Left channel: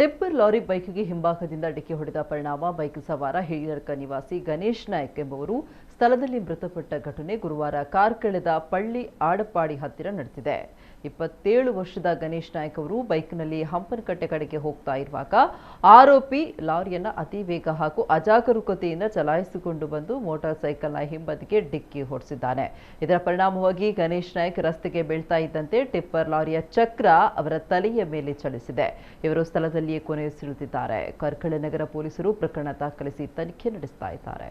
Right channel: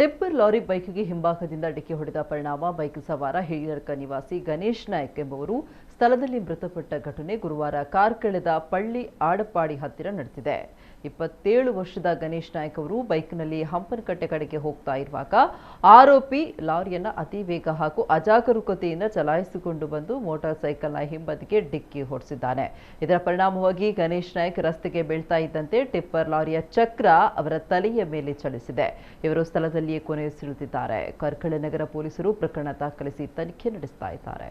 Tipper lorry ಬೈಕ್ಗೆ ಹಿಂಭಾಗದಿಂದ ಡಿಕ್ಕಿ ಹೊಡೆದ ಪರಿಣಾಮ ಬೈಕ್ ಸವಾರ ಹಿರಿಯರ್ಕ ನಿವಾಸಿ ಗಣೇಶ್ ನಾಯ್ಕ್ ಎಂಬುವರು ಸ್ಥಳದಲ್ಲಿ ಮೃತಪಟ್ಟ ಘಟನೆ ಗುರುವಾರ ಕಾರ್ಕಳದ ಪಳ್ಳಿ ಆಡಪಾಡಿ ಹತ್ತಿರ ನಡೆದಿದೆ. 27 ವರ್ಷದ ಗಣೇಶ್ ನಾಯ್ಕ್ ಅವರು ಬೈಕ್ನಲ್ಲಿ ಹಂಪನಕಟ್ಟೆ ಕಡೆಗೆ ಹೋಗ್ತಾ ಇರುವಾಗ ಆರೋಪಿ ಲಾರಿಯನ್ನು ಅತಿ ವೇಗ ಹಾಗೂ ಅಜಾಗರೂಕತೆಯಿಂದ ಚಲಾಯಿಸಿಕೊಂಡು ಬಂದು ಮೋಟಾರ್ ಸೈಕಲ್ನ ಹಿಂಬದಿಗೆ ಡಿಕ್ಕಿ ಹೊಡೆಸಿದ್ದಾನೆ. ಇದರ ಪರಿಣಾಮವಾಗಿ ಗಣೇಶ್ ನಾಯ್ಕ್ ರಸ್ತೆಗೆ ಬೀಳ್ತಾ ಇದ್ದಂತೆ ಟಿಪ್ಪರ್ ಲಾರಿಯ ಚಕ್ರ ಅವರ ತಲೆಯ ಮೇಲೆ ಚಲಿಸಿದೆ. ಇವರು ಸ್ಥಳದಲ್ಲಿಯೇ ಕೊನೆಯುಸಿರೆಳೆದಿದ್ದಾರೆ. ಕಾರ್ಕಳ ನಗರ ಪೊಲೀಸರು ಪ್ರಕರಣ ದಾಖಲಿಸಿ ತನಿಖೆ ನಡೆಸ್ತಾ ಇದ್ದಾರೆ.